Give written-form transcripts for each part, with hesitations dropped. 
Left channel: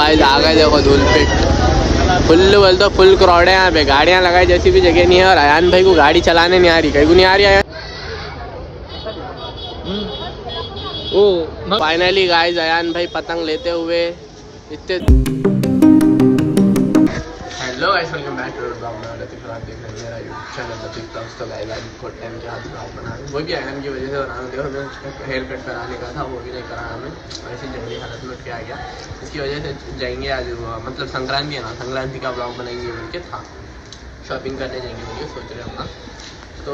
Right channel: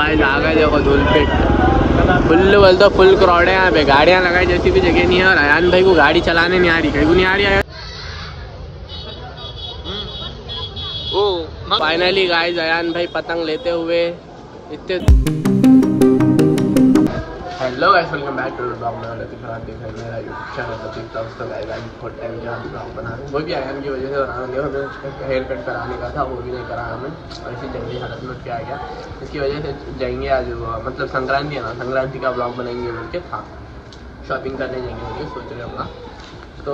Guys आ गए देखो Dhoolpet. Full बोलते फुल क्राउड है यहाँ पे, गाड़ियाँ लगाई जैसी भी जगह नहीं है। और अयान भाई को गाड़ी चलाने नहीं आ रही, कहीं नहीं आ रही है। फाइनली गाइस अयान भाई पतंग लेते हुए इतने। Hello guys, welcome back to blog में। लतीफ़ रात देख रहे हैं मेरा यूट्यूब चैनल लतीफ़ ब्लॉग्स। तो गाइस आज बहुत टाइम के बाद ब्लॉग बना, वो भी अयान की वजह से बना। देखो हमें हेयर कट कराने का था, वो भी नहीं कराया हमें, ऐसी जंगली हालत में उठ के आ गया। इसकी वजह से जाएंगे आज, मतलब संक्रांति है ना, संक्रांति का ब्लॉग बनाएंगे बोल के था। शॉपिंग करने जाएंगे बोल के सोच रहे हम, तो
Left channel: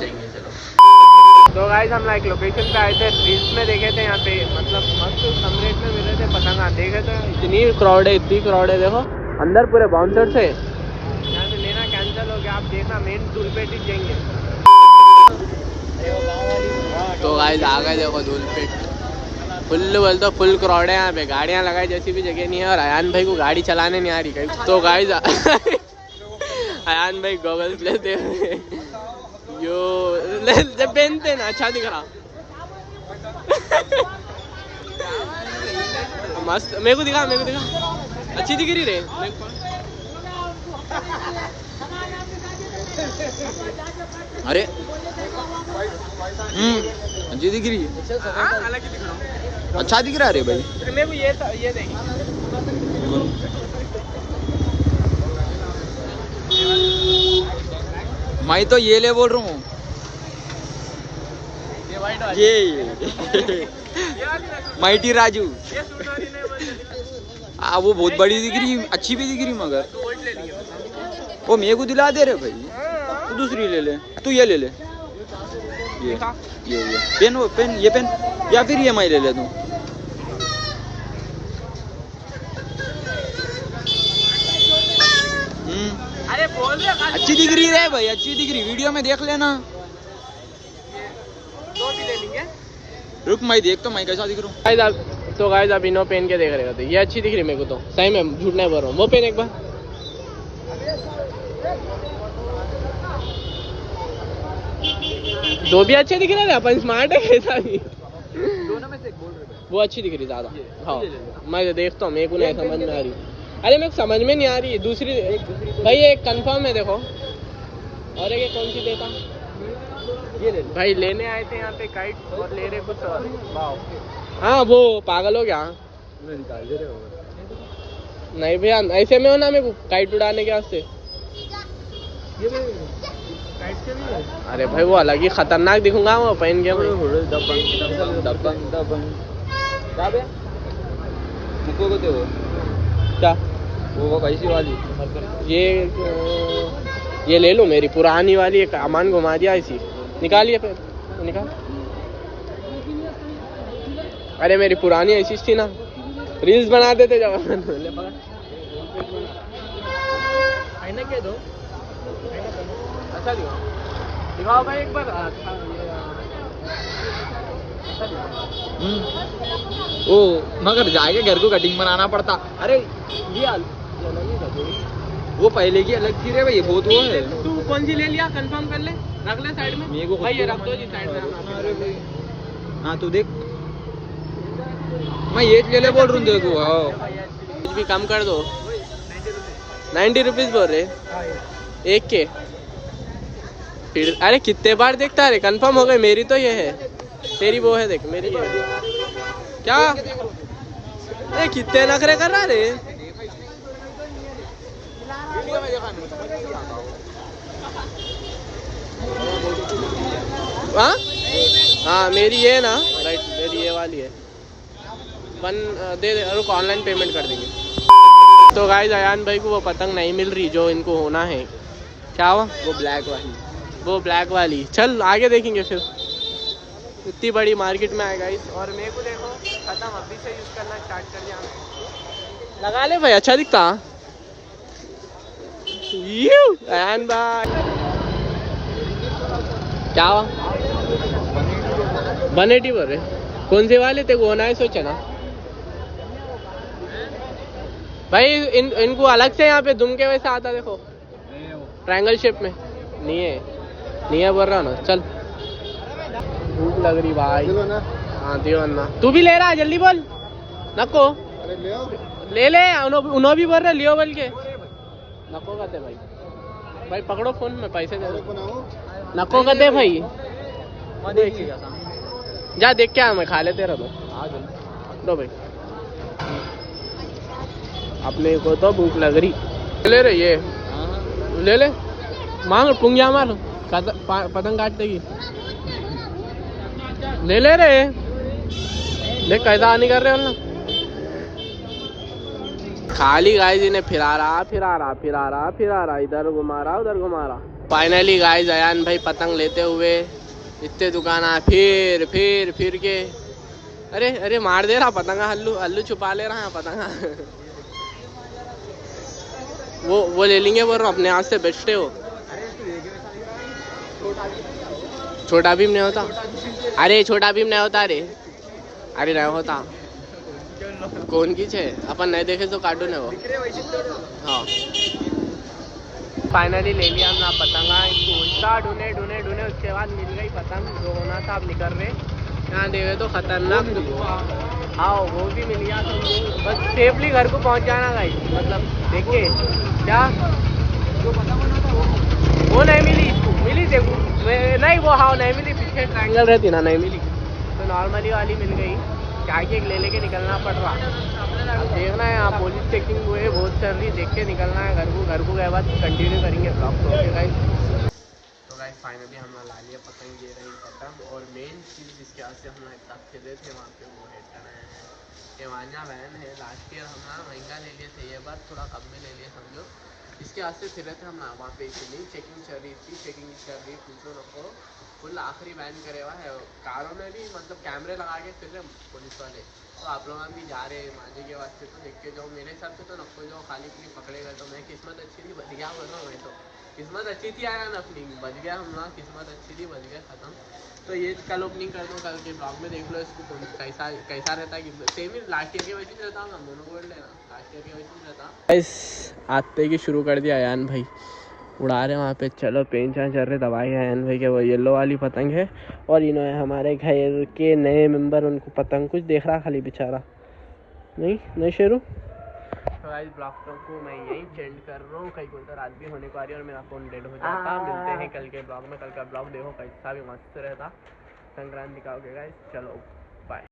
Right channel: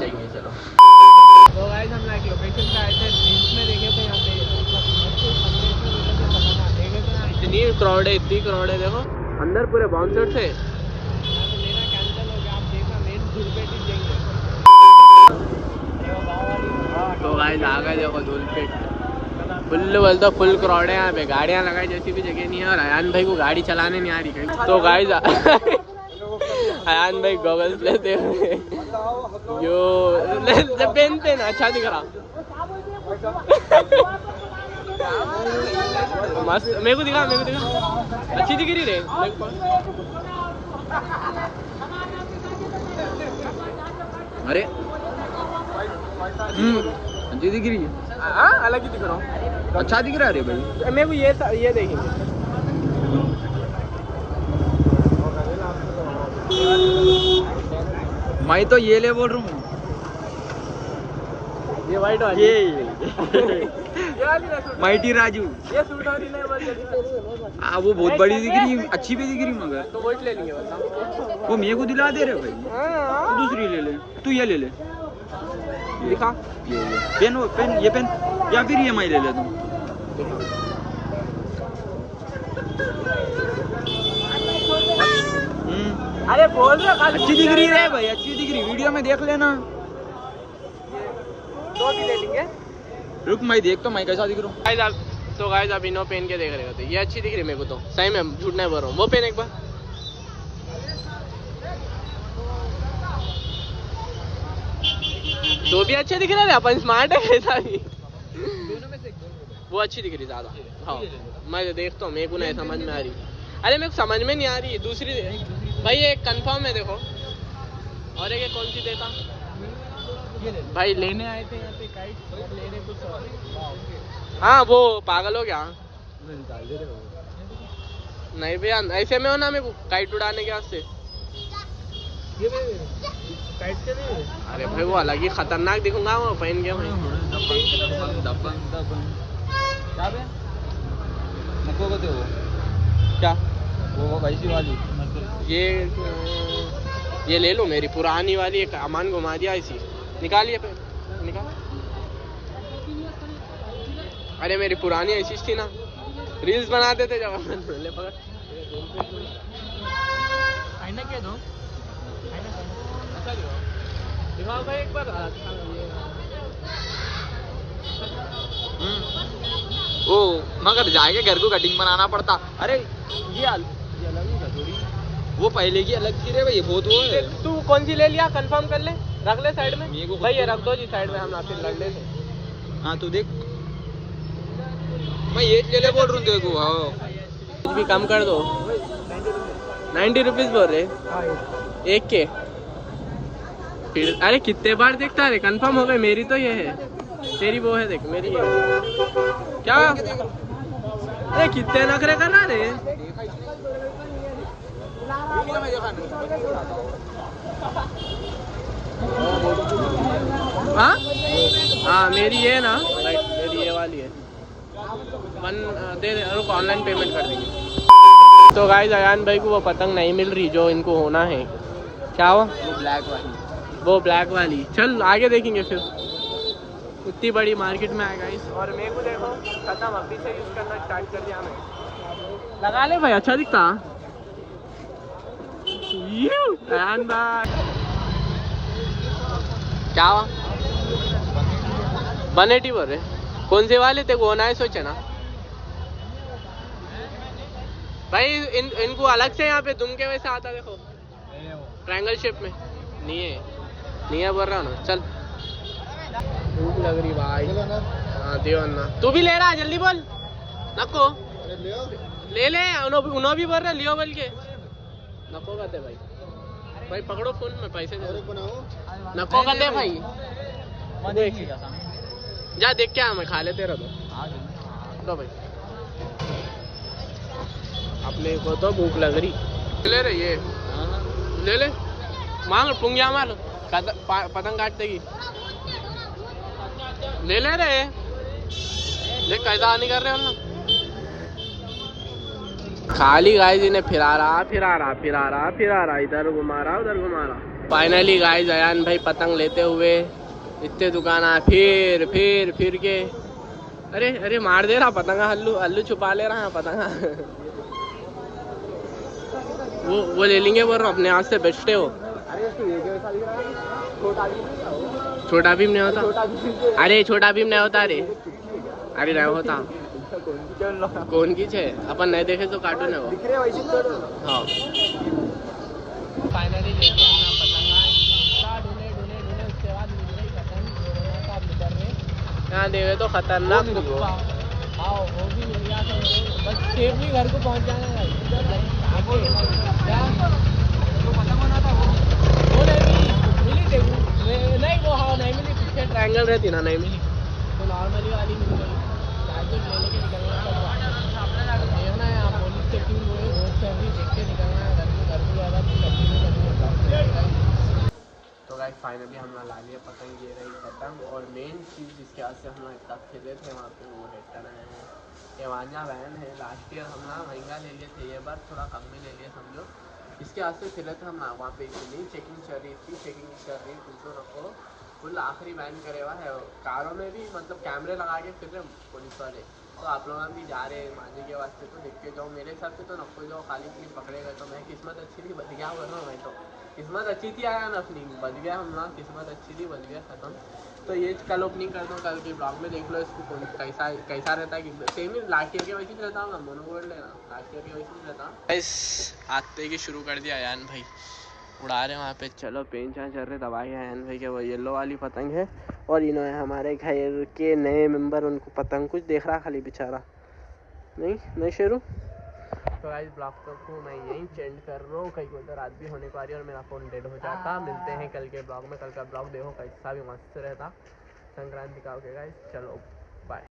जाएंगे चलो। तो गाइस हम एक लोकेशन पे आए थे, रील्स में देखे थे यहाँ पे, मतलब मस्त कम रेट में मिले थे पतंग। देखे थे इतनी क्राउड है, इतनी क्राउड है। देखो अंदर पूरे बाउंसर थे, यहाँ से लेना कैंसिल हो गया। आप देखना मेन धूलपेट ही जाएंगे। तो गाइस आ गए देखो धूलपेट। फुल बोलते फुल क्राउड है यहाँ पे, गाड़ियाँ लगाई जैसी भी जगह नहीं है। और अयान भाई को गाड़ी चलाने नहीं आ रही कहीं। तो गाइस अयान भाई गॉगल्स लेते हुए यो जब पहनते ना अच्छा दिख रहा। मस्त, मेरे को दिखा अच्छी दिख रही रे मेरे को। अरे अच्छी दिख रही है। हाँ अलग ही दिख रहा हूँ, अच्छा दिख रहा है रे भाई। मैं भी ये देखिए, मैं तो ये ले बोल रहा हूँ, ये वाइट वाली, ये माइटी राजू। ये सूट वाली नहीं बोल। हाँ वो बहुत बड़ी दिख रही, अच्छी भी दिख रही, मगर तो वोट ले लेंगे बस। वो मेरे को दिला दे रहे भाई। तू दूसरी ले ले, तू ये ले ले, ये पेन, वो पेन, ये पेन, या फिर ये मैं ले ले तू। अरे बोल रहे अच्छी दिख रही है भाई, अच्छी दिख रही, वीडियो में देख लेना। दो भी ले लेंगे, रुक मैं देख तो मैं कैसा दिख रहा हूँ। तो गाइस आप इनो पेन के देख रहे होते, ये अच्छी दिख रही मेरे को तो, सही में झूठ नहीं बोल रहा हूँ। वो पेन एक बार, दो भी अच्छे दिख रहे हैं, अपन स्मार्ट है कैसा भी। दोनों में से एक बोल रहे, वो अच्छी दिख रही ज्यादा। हाँ मैं देखता हूँ, मेरे को नहीं समझ में आ रही। अरे मेरे को समझ में नहीं आ रही दूसरी भाई, एक कंफर्म है देखो। और एक कौन सी देता ये ले भाई, लेने आए थे यहाँ पे काइट और ले रहे कुछ और। हाँ वो पागल हो गया। नहीं भैया ऐसे में हो ना, मेरे को काइट उड़ाने के वास्ते। अरे भाई वो अलग ही खतरनाक दिखूंगा वो पहन के। क्या ये ले लो, मेरी पुरानी वाली एक अमान घुमा दिया ऐसी। निकालिए निकाल। अरे मेरी पुरानी ऐसी थी ना, रील्स बनाते थे जब। ले पकड़, आईना क्या दो, अच्छा दिखाओ भाई एक बार। ओ मगर जाके घर को कटिंग बनाना पड़ता। अरे ये वो पहले की अलग थी रे भाई, बहुत वो है। तू कौन सी ले लिया, कंफर्म कर ले, रख ले साइड में। मेरे को भाई ये रख दो जी साइड में, हम आप रख ले। हाँ तू देख, मैं ये ले ले बोल रहा हूँ देखो। हाँ कुछ भी कम कर दो। 90 रुपीज बोल रहे एक के। फिर अरे कितने बार देखता है, कंफर्म हो गई। मेरी तो ये है, तेरी वो है देख, मेरी ये है। क्या अरे कितने नखरे कर रहा रे। हाँ मेरी ये ना, राइट, मेरी ये वाली है। दे रुको, ऑनलाइन पेमेंट कर देंगे। तो गाइस अयान भाई को वो पतंग नहीं मिल रही जो इनको होना है। क्या हुआ? वो ब्लैक वाली, वो ब्लैक वाली। चल आगे देखेंगे फिर। इतनी बड़ी मार्केट में आए गाइस, और मेरे को देखो खत्म, अभी से यूज करना स्टार्ट कर दिया मैं। लगा ले भाई, अच्छा दिखता। क्या हुआ? 180 बोल रहे, कौन से वाले थे? होना है सोचा ना भाई। इनको अलग से यहाँ पे दुम के वैसे आता, देखो ट्रायंगल शेप में। नहीं है बोल रहा ना। चल भूख लग रही भाई। हाँ दियो अन्ना, तू भी ले रहा है, जल्दी बोल। नको ले ले उन्हों भी बोल रहे लियो बोल के नको कहते भाई भाई पकड़ो फोन में पैसे दे दो नको कहते भाई जा देख क्या मैं खा लेते रहो दो भाई अपने को तो भूख लग रही ले रे ये ले ले मांग पुंगिया मार पतंग काट देगी ले ले रे देख कैसा आनी कर रहे हो ना खाली गाइस इन्हें फिरा रहा इधर घुमा रहा उधर घुमा रहा। फाइनली गाइस अयान भाई पतंग लेते हुए इतने दुकान फिर के अरे अरे मार दे रहा पतंगा हल्लू छुपा ले रहा है पतंगा वो ले लेंगे बोल रहा अपने हाथ से बेचते हो। छोटा भीम नहीं होता अरे छोटा भीम नहीं होता अरे नहीं होता कौन की छे अपन नहीं देखे तो कार्टून है वो। हाँ फाइनली ले लिया हमने पतंगा इसको उल्टा ढूंढे उसके बाद मिल गई पतंग जो होना था अब निकल रहे यहाँ देखे तो खतरनाक हाँ वो भी मिल गया तो बस सेफली घर को पहुँच जाना गाइस मतलब देखिए क्या वो नहीं मिली देखो नहीं वो हाँ नहीं मिली पीछे ट्रायंगल रहती ना नहीं मिली तो नॉर्मली वाली मिल गई क्या ले लेके निकलना पड़ रहा अब देखना है यहाँ पुलिस चेकिंग हुए बहुत चल रही देख के निकलना है घर को गए बाद कंटिन्यू करेंगे ब्लॉग तो गाइस फाइनली हमने ला लिया पतंग ये रही पतंग और मेन चीज़ जिसके वजह से हम इतना खेले थे वहाँ पे वो है एवानिया वैन है लास्ट ईयर हम ना महंगा ले लिए थे ये बार थोड़ा कम में ले लिए समझो इसके वास्ते फिर थे हम ना वहाँ पे इतनी चेकिंग चल रही पूछो नको फुल आखिरी बैन करे हुआ है कारों में भी मतलब कैमरे लगा के फिर रहे पुलिस वाले तो आप लोग भी जा रहे हैं मांझे के वास्ते तो देख के जाओ मेरे हिसाब से तो नको जाओ खाली के लिए पकड़े गए तो मैं किस्मत अच्छी थी बच गया बोल रहा हूँ मैं तो किस्मत अच्छी थी आया ना अपनी बच गया हम ना किस्मत अच्छी थी बच गया ख़त्म। तो ये कल ओपनिंग कर दो कल के ब्लॉग में देख लो इसको कौन कैसा रहता है सेम ही लास्ट ईयर के वैसे ही रहता हूँ ना मोनोकोड लेना लास्ट ईयर के वैसे ही रहता आते की शुरू कर दिया अयान भाई उड़ा रहे वहाँ पे चलो पेन चल रहे दवाई है अयान भाई के वो येलो वाली पतंग है और इन्होंने हमारे घर के नए मेंबर उनको पतंग कुछ देख रहा खाली बेचारा नहीं शेरू। तो आज ब्लॉग को मैं यहीं चेंज कर रहा हूँ कहीं को रात भी होने को आ रही है और मेरा फ़ोन डेड हो जाता मिलते हैं कल के ब्लॉग में कल का ब्लॉग देखो कैसा भी मस्त रहता संक्रांति का हो गया चलो बाय।